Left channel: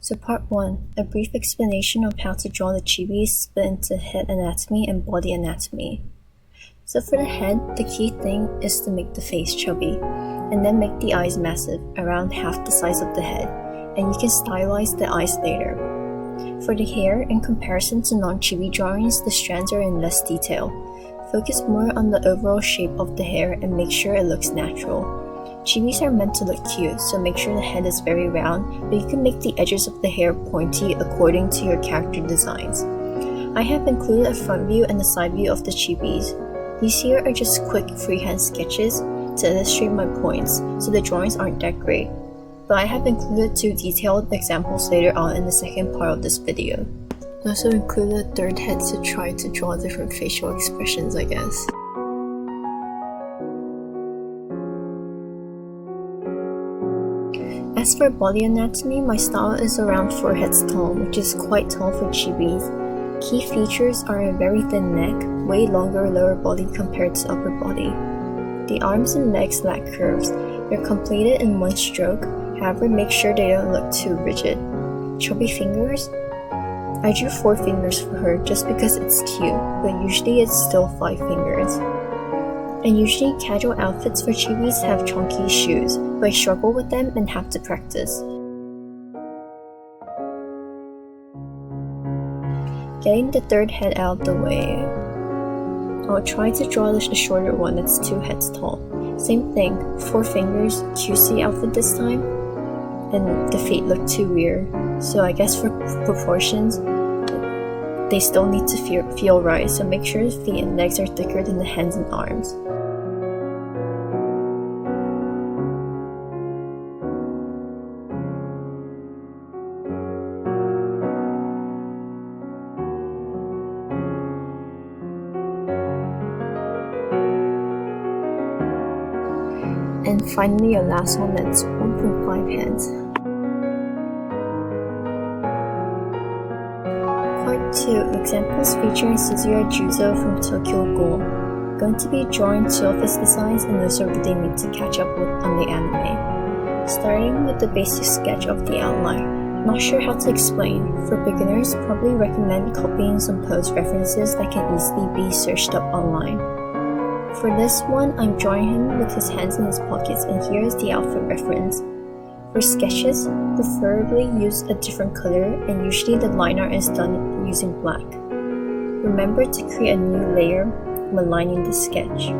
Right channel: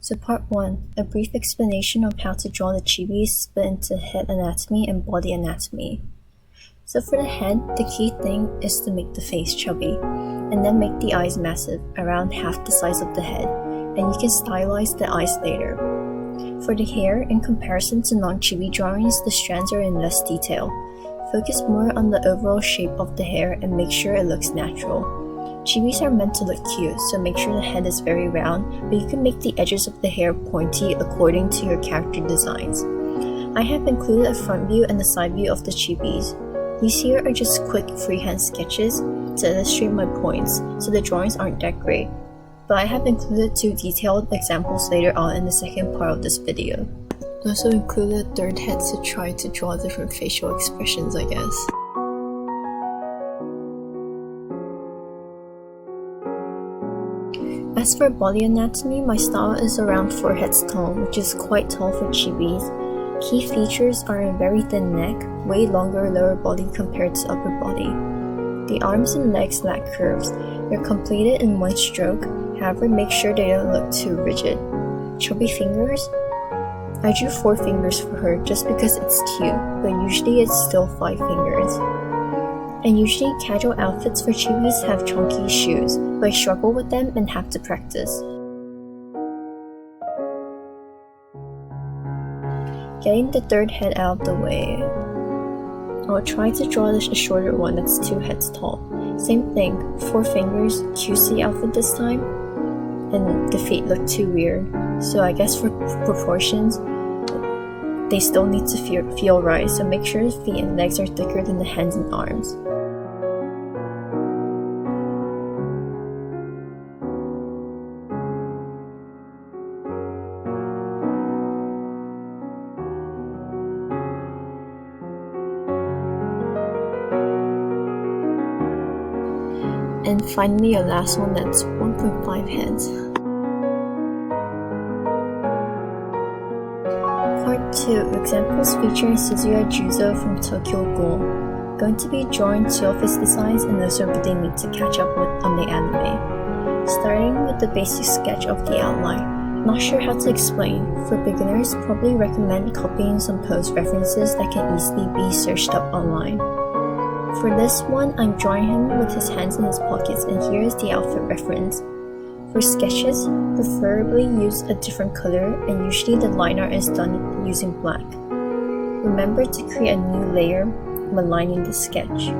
So part 1, a brief explanation of how to draw the chibis split into head anatomy and body anatomy. So for the head, the key thing is to make the face chubby, and then make the eyes massive, around half the size of the head, and you can stylize the eyes later. For the hair, in comparison to non-chibi drawings, the strands are in less detail. Focus more on the overall shape of the hair and make sure it looks natural. Chibis are meant to look cute, so make sure the head is very round, but you can make the edges of the hair pointy according to your character designs. I have included a front view and a side view of the chibis. These here are just quick freehand sketches to illustrate my points, so the drawings aren't that great, but I have included 2 detailed examples later on in the second part of this video. I also included a third head to try to draw different facial expressions, I guess. As for body anatomy, my style is around 4 heads tall, which is quite tall for chibis. Key features are a very thin neck, way longer lower body compared to upper body. The arms and legs lack curves. They're completed in one stroke, however make sure they don't look too rigid. Chubby fingers? I drew 4 fingers for her just because it's cute, but usually it's still 5 fingers. And usually casual outfits for chibis have chunky shoes, but I struggle with them and have to practice. Getting the third head out of the way, I'll try to draw a shorter one that's 2 heads tall. Same thing, 4 fingers, cutesy outfit this time, and the feet look too weird, so I guess for proportions, they still need to feel right, so make sure the feet and legs are thicker than the hands and arms. And finally, your last one that's 1.5 heads. Part 2, examples featuring Suzuya Juuzou from Tokyo Ghoul. Going to be drawing 2 of his designs, and those are what they need to catch up with on the anime. Starting with the basic sketch of the outline. Not sure how to explain. For beginners, probably recommend copying some pose references that can easily be searched up online. For this one, I'm drawing him with his hands in his pockets, and here is the outfit reference. For sketches, preferably use a different color, and usually the line art is done using black. Remember to create a new layer when lining the sketch.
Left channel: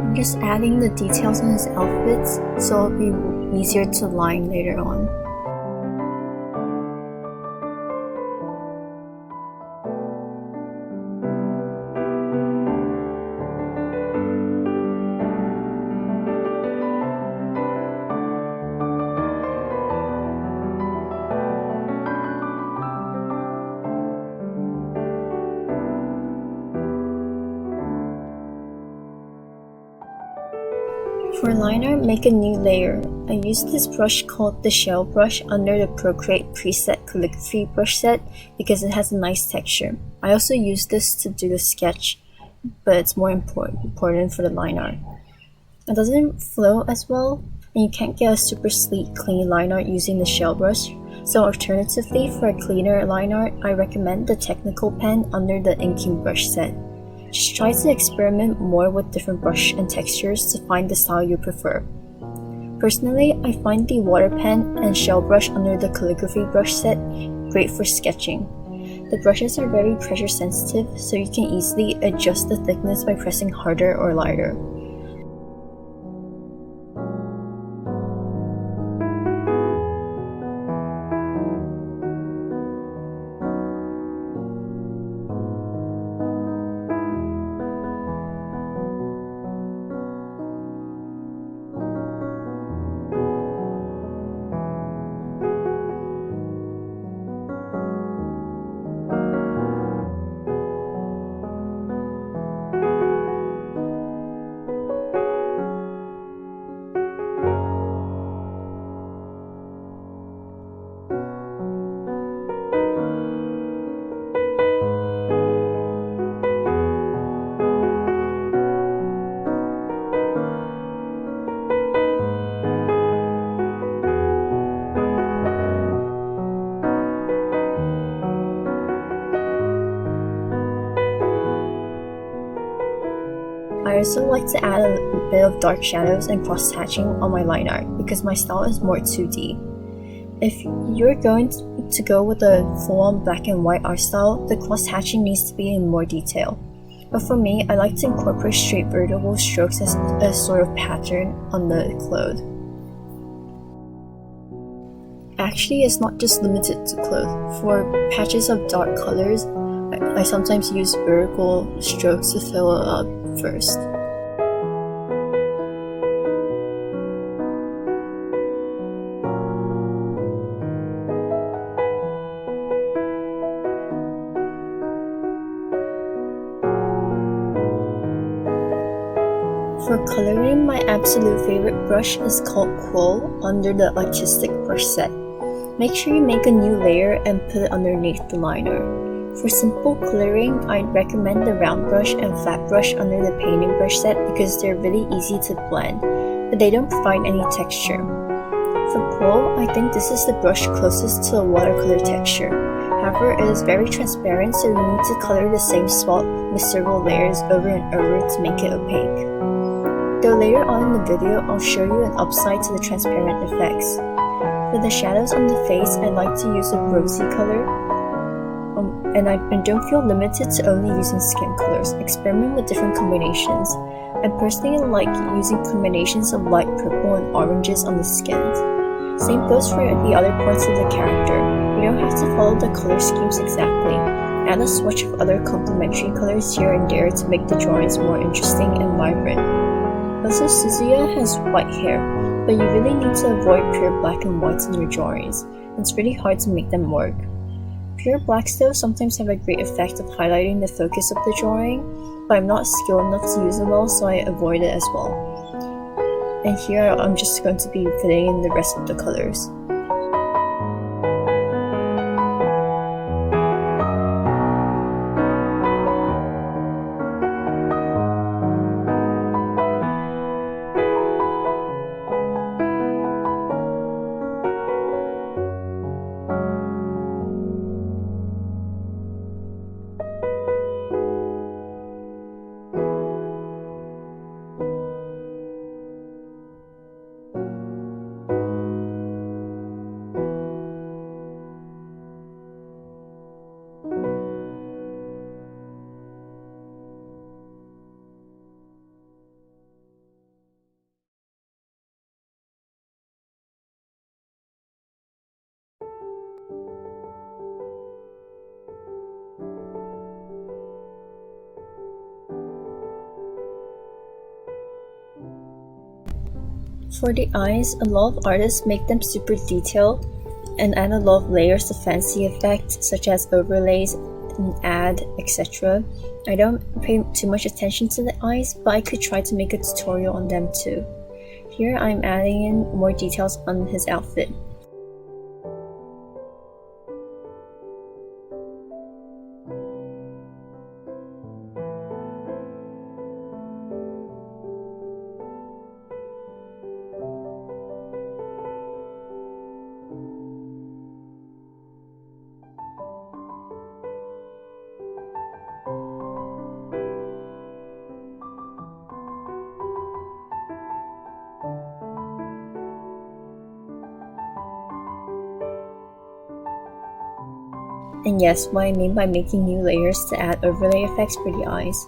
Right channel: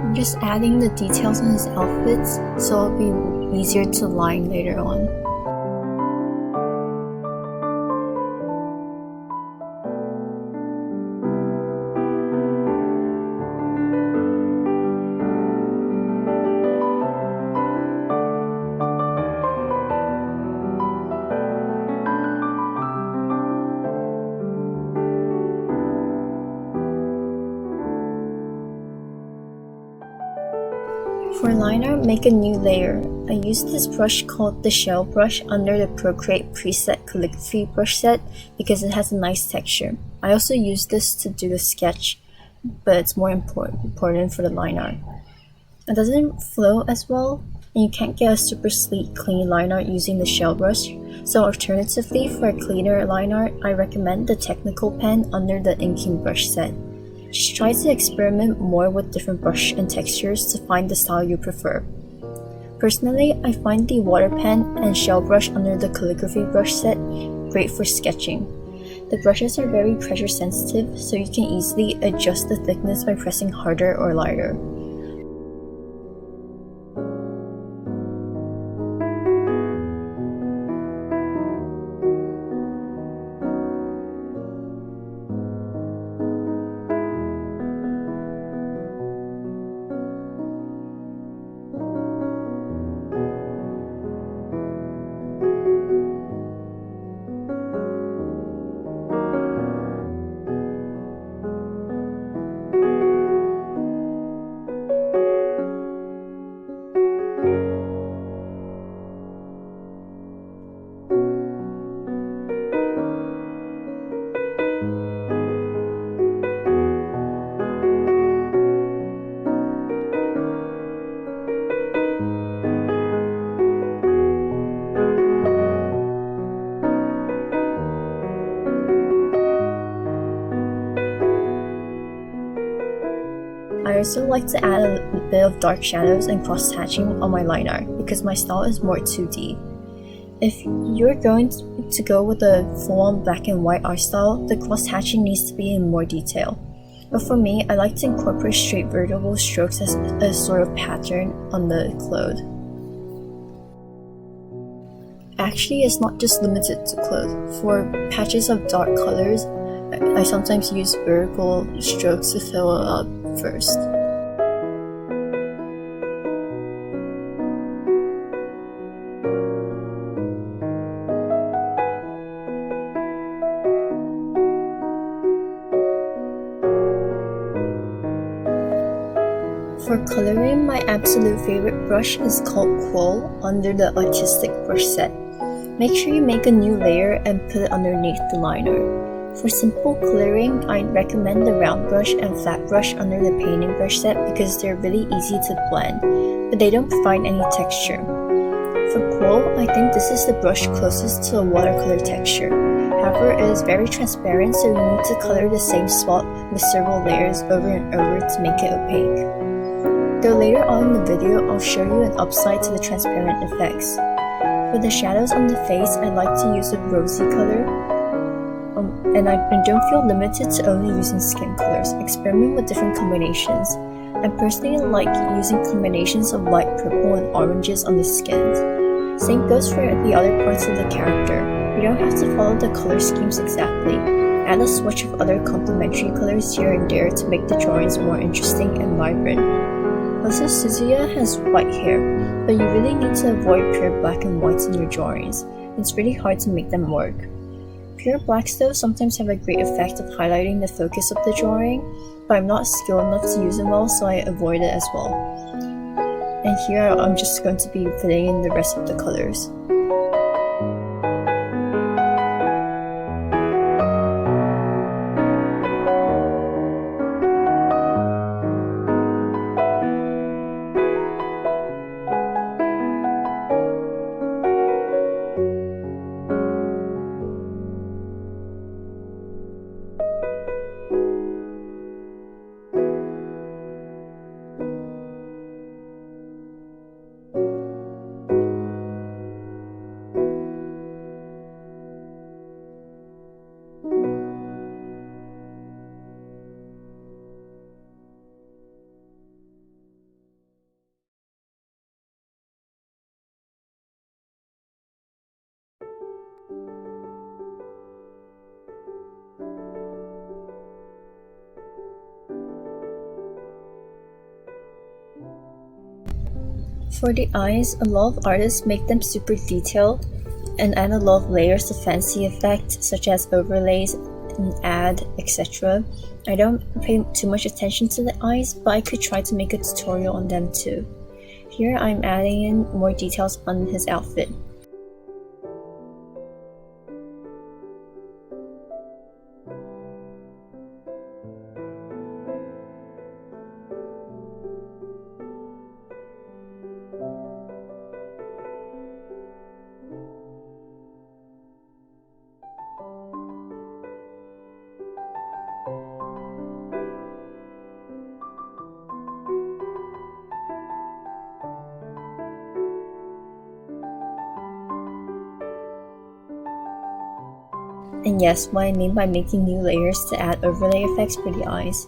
I'm just adding the details on his outfits so it'll be easier to line later on. For line art, make a new layer. I used this brush called the shell brush under the Procreate preset calligraphy brush set because it has a nice texture. I also used this to do the sketch, but it's more important for the line art. It doesn't flow as well, and you can't get a super sleek, clean line art using the shell brush, so alternatively for a cleaner line art, I recommend the technical pen under the inking brush set. Just try to experiment more with different brush and textures to find the style you prefer. Personally, I find the water pen and shell brush under the calligraphy brush set great for sketching. The brushes are very pressure sensitive, so you can easily adjust the thickness by pressing harder or lighter. I also like to add a bit of dark shadows and cross-hatching on my line art because my style is more 2D. If you're going to go with a full-on black and white art style, the cross-hatching needs to be in more detail. But for me, I like to incorporate straight vertical strokes as a sort of pattern on the cloth. Actually, it's not just limited to cloth. For patches of dark colors, I sometimes use vertical strokes to fill it up first. For coloring, my absolute favorite brush is called Quill under the Artistic brush set. Make sure you make a new layer and put it underneath the liner. For simple coloring, I'd recommend the round brush and flat brush under the painting brush set because they're really easy to blend, but they don't provide any texture. For Quill, I think this is the brush closest to a watercolor texture. However, it is very transparent, so you need to color the same spot with several layers over and over to make it opaque. Though later on in the video, I'll show you an upside to the transparent effects. For the shadows on the face, I like to use a rosy color, and I don't feel limited to only using skin colors. Experiment with different combinations. I personally like using combinations of light purple and oranges on the skins. Same goes for the other parts of the character. You don't have to follow the color schemes exactly. Add a swatch of other complementary colors here and there to make the drawings more interesting and vibrant. Also, Suzuya has white hair, but you really need to avoid pure black and whites in your drawings. It's really hard to make them work. Pure blacks though sometimes have a great effect of highlighting the focus of the drawing, but I'm not skilled enough to use it well, so I avoid it as well. And here I'm just going to be filling in the rest of the colors. For the eyes, a lot of artists make them super detailed and add a lot of layers of fancy effects such as overlays, and add, etc. I don't pay too much attention to the eyes, but I could try to make a tutorial on them too. Here I'm adding in more details on his outfit. And yes, what I mean by making new layers to add overlay effects for the eyes.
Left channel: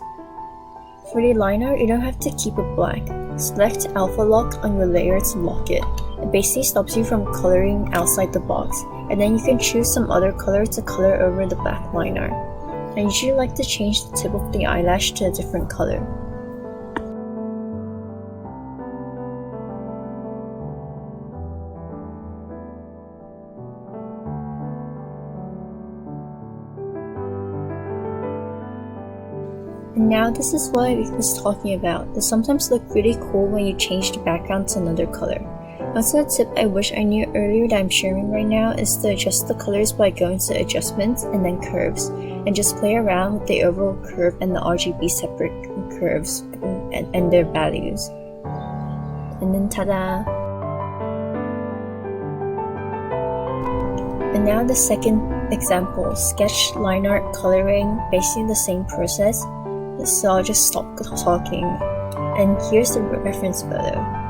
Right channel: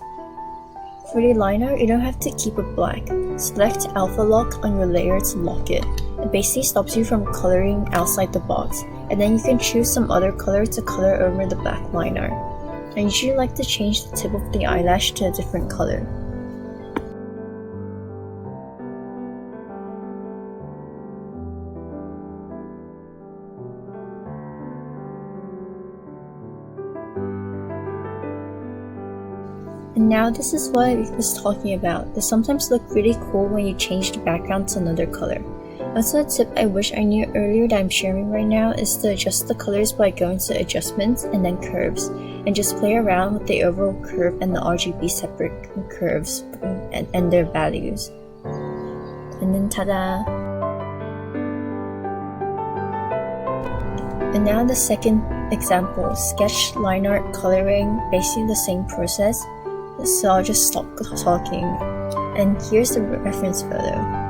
For the liner, you don't have to keep it black. Select Alpha Lock on your layer to lock it. It basically stops you from coloring outside the box, and then you can choose some other color to color over the black liner. I usually like to change the tip of the eyelash to a different color. And now this is what I was talking about. They sometimes look really cool when you change the background to another color. Also, a tip I wish I knew earlier that I'm sharing right now is to adjust the colors by going to adjustments and then curves, and just play around with the overall curve and the RGB separate curves and their values. And then ta-da! And now the second example, sketch, line art, coloring, basically the same process. So I'll just stop talking And here's the reference photo.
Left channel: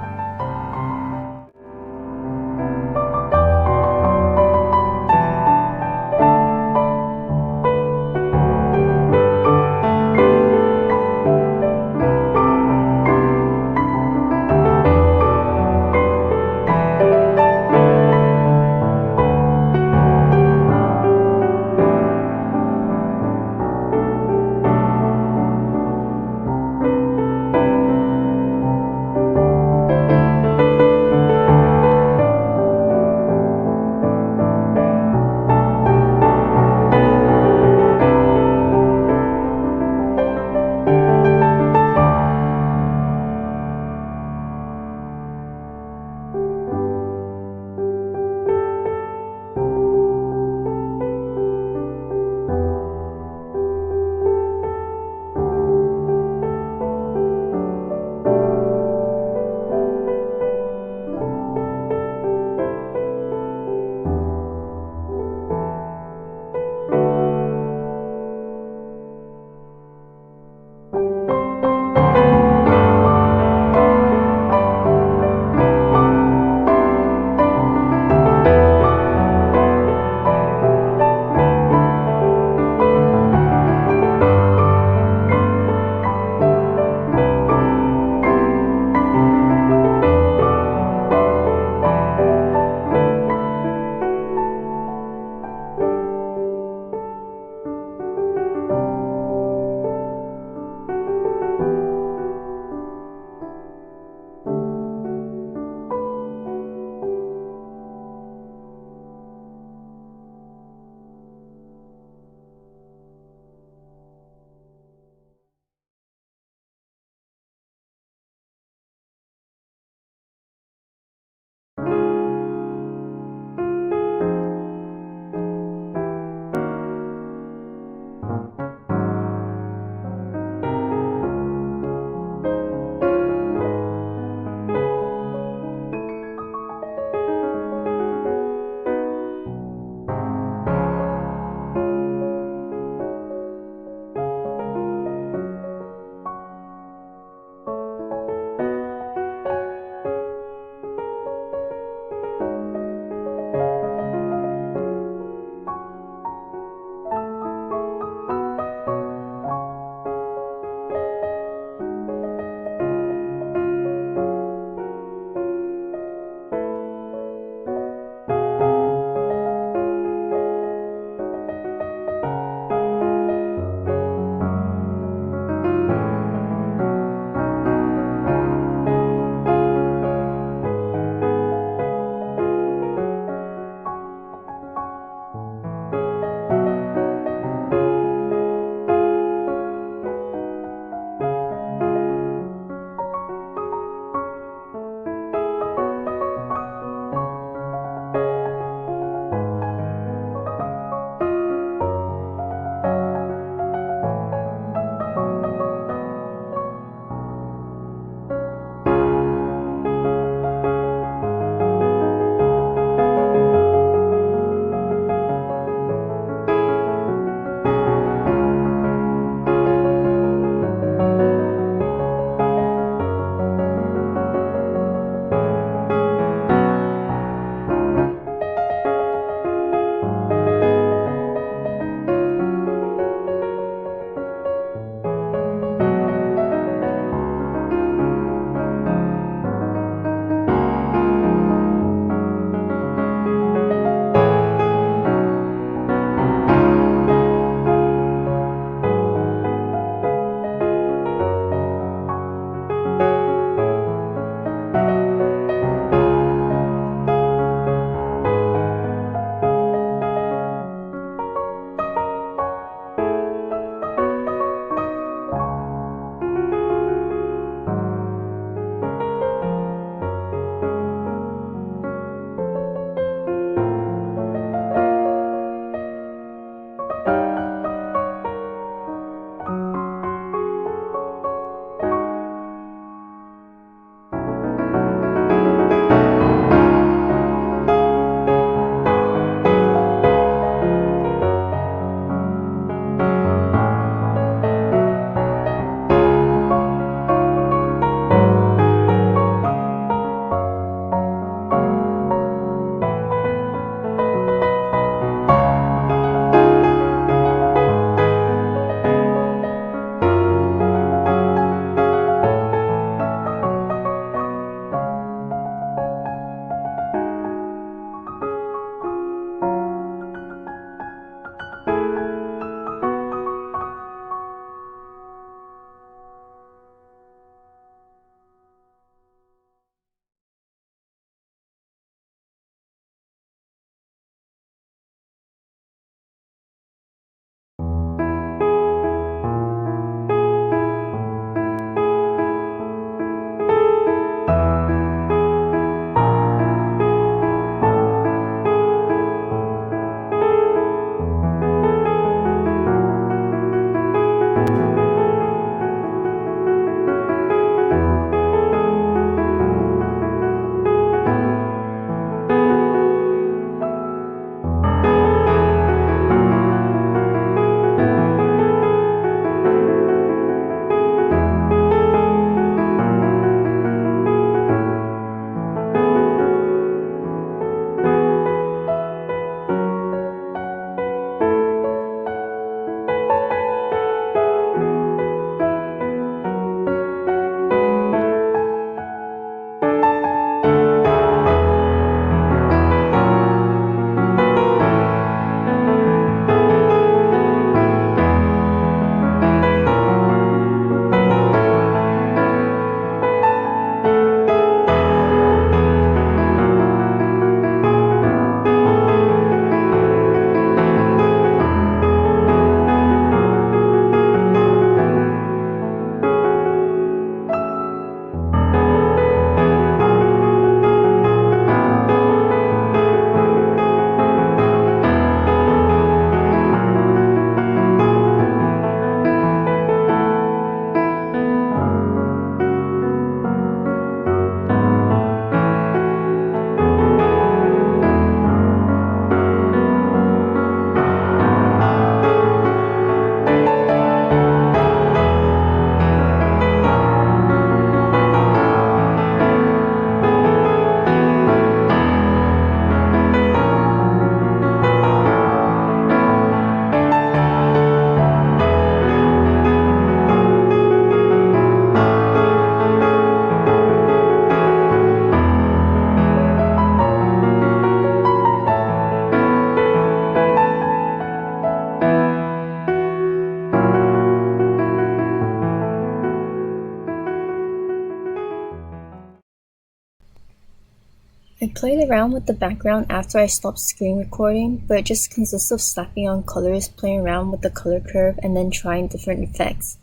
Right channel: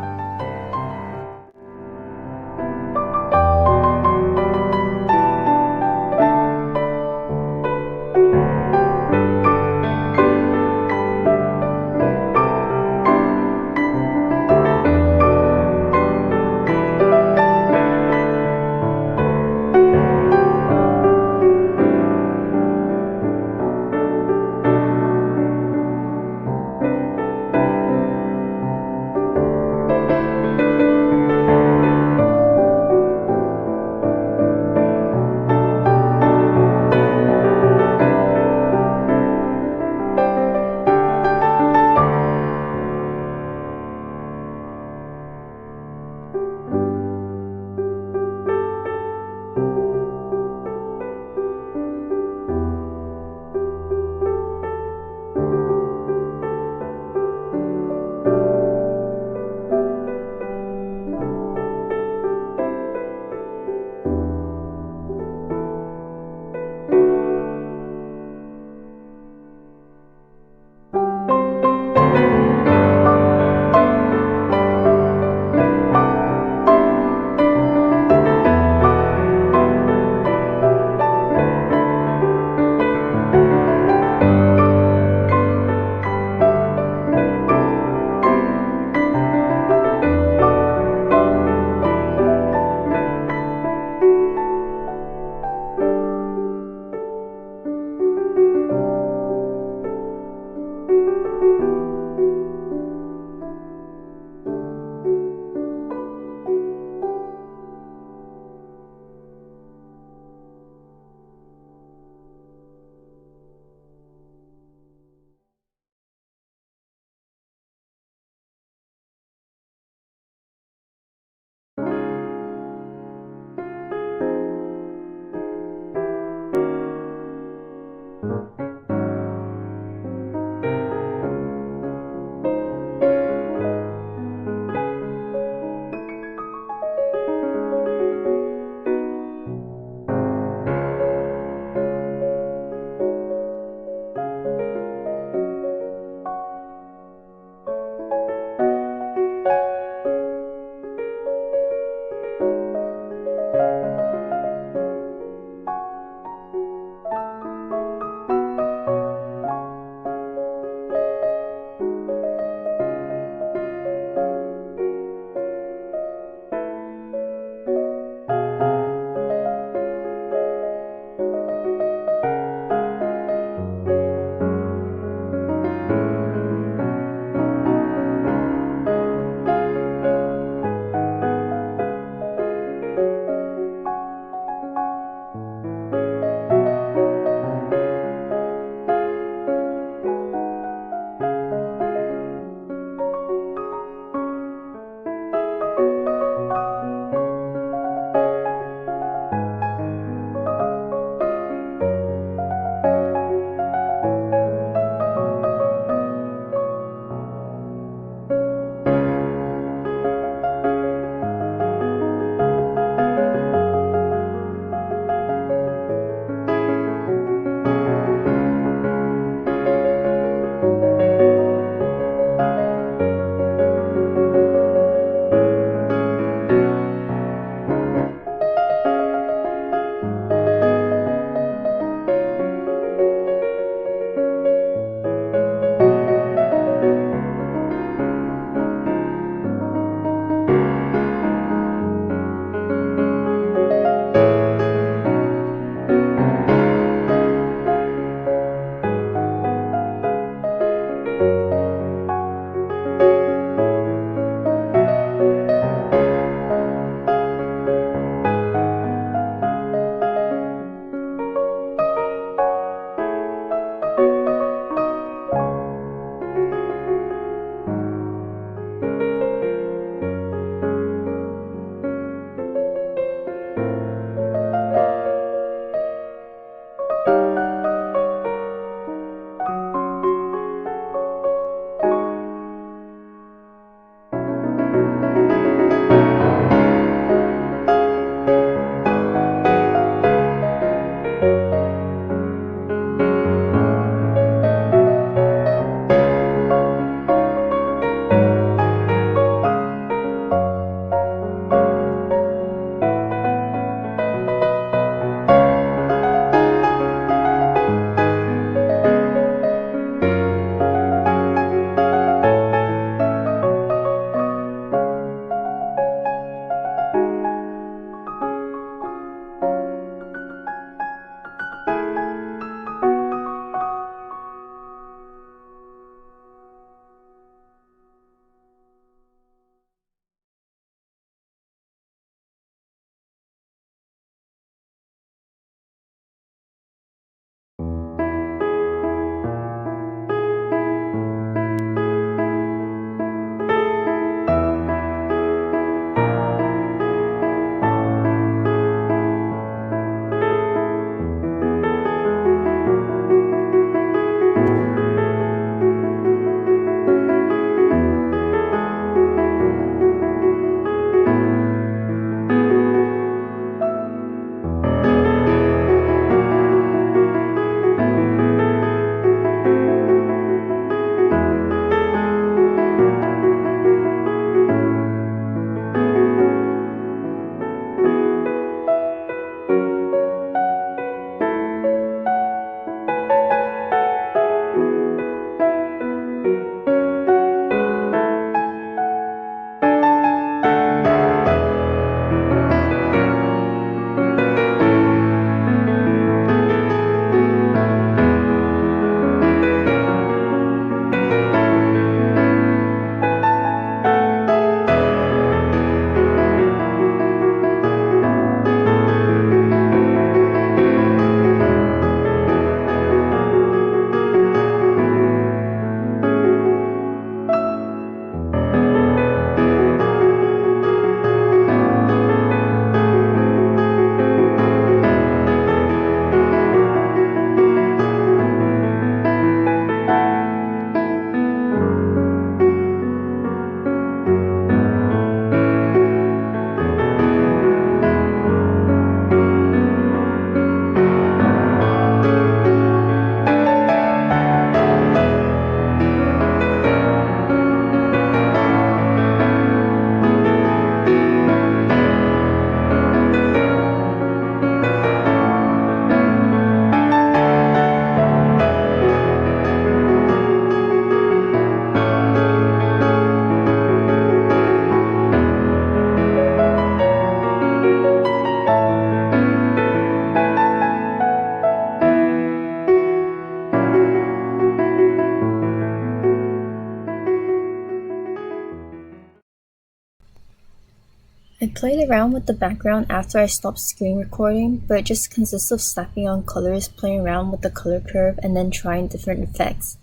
I played around with the background after I stopped screen recording, but it just consists of slapping on colors, playing around with the color curve, and then trying different effects.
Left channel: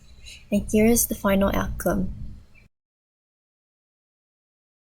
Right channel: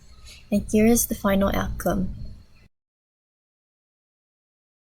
And here is the final outcome.